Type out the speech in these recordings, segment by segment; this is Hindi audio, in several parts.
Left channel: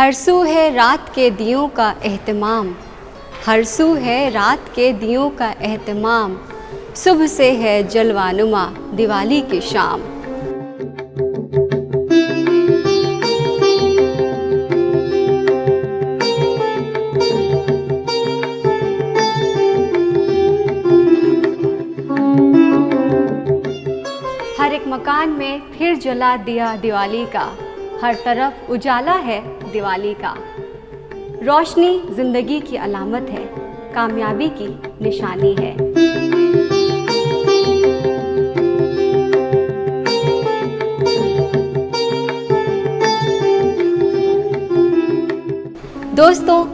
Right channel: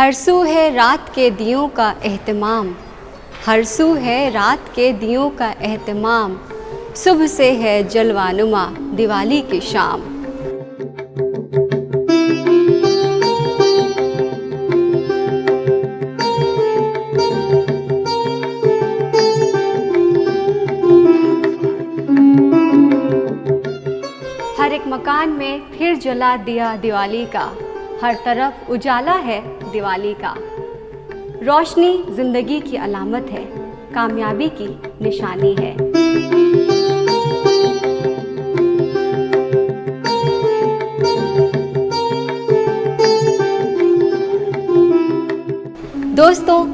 हर सू है रात के दियों का एहतमाम, हर सू है रात के दियों का एहतमाम, सुबह से है जलवानुमा दिवाली की शाम। हर एक मकान में फिर जला दिया दिवाली का, हर तरफ उजाला है दिवाली का। रोशनी जिंदगी की अलामत है, कामयाबी की निशानी है। दोस्तों,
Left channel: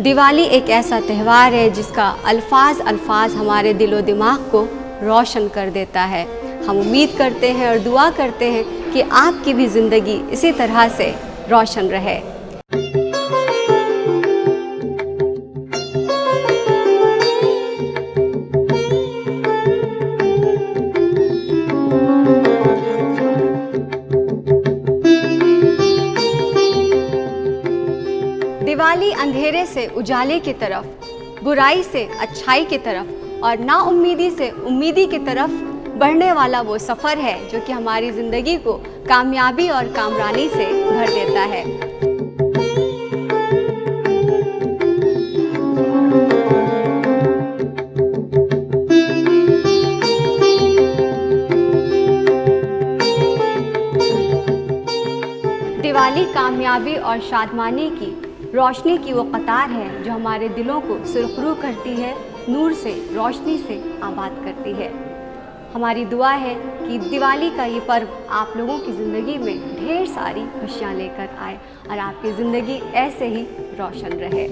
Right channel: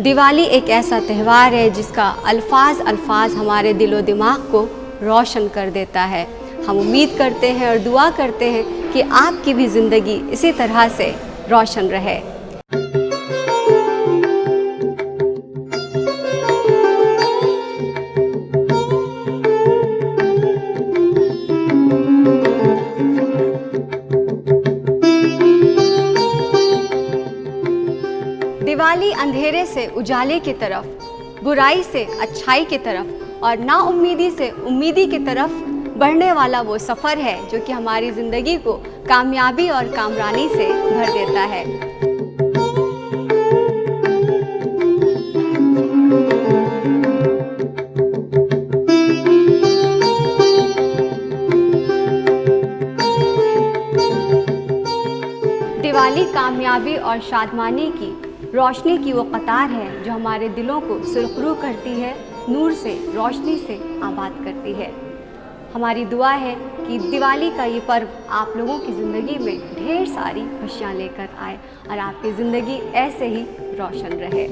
दिवाली एक ऐसा त्यौहार है जिसका अल्फाज हमारे दिलो दिमाग को रोशन कर देता है। हम उम्मीद करते हैं और दुआ करते हैं कि आपकी भी ज़िंदगी इसी तरह से रोशन रहे। दिवाली अंधेरे से उजाले की तरफ, बुराई से अच्छाई की तरफ और नाउम्मीदी से उम्मीदी की तरफ बढ़ने वाला वो सफ़र है जो कि हमारी ज़िंदगी को कामयाबी और कामरानी से भर देता है। दिवाली कामयाबी और शादमानी की रोशनी की वो कतार है जो हमारे दिलों को सुरखरू करती है, नूर से, रोशनी से आबाद करती है। हमारी दुआ है कि दिवाली का ये पर्व आप लोगों की ज़िंदगी में ढेर सारी खुशियाँ लेकर आए और आपकी ज़िंदगी ऐसे ही रोशन रहे।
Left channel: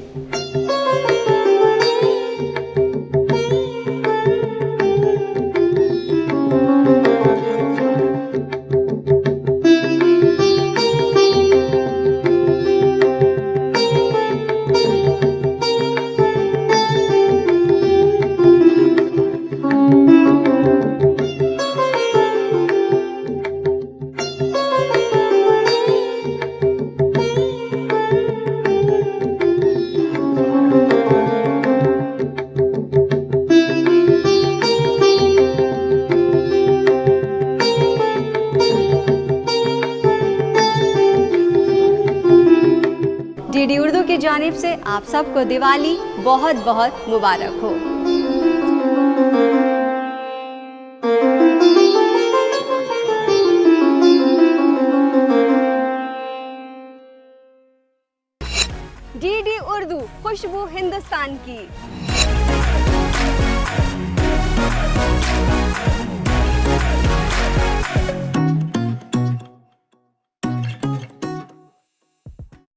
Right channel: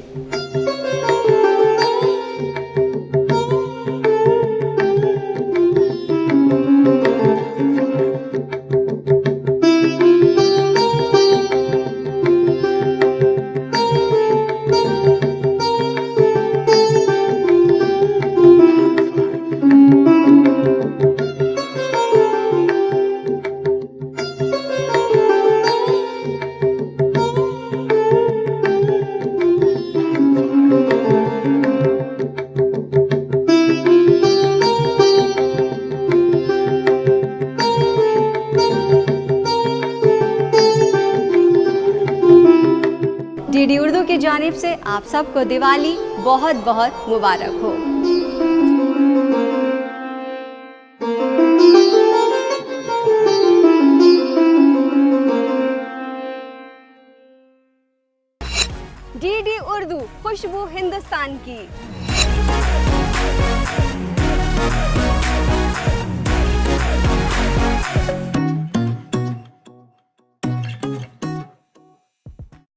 डीडी उर्दू की जानिब से आप सबको दिवाली बहुत बहुत मुबारक हो। डीडी उर्दू, खुशबू हिंदुस्तान की।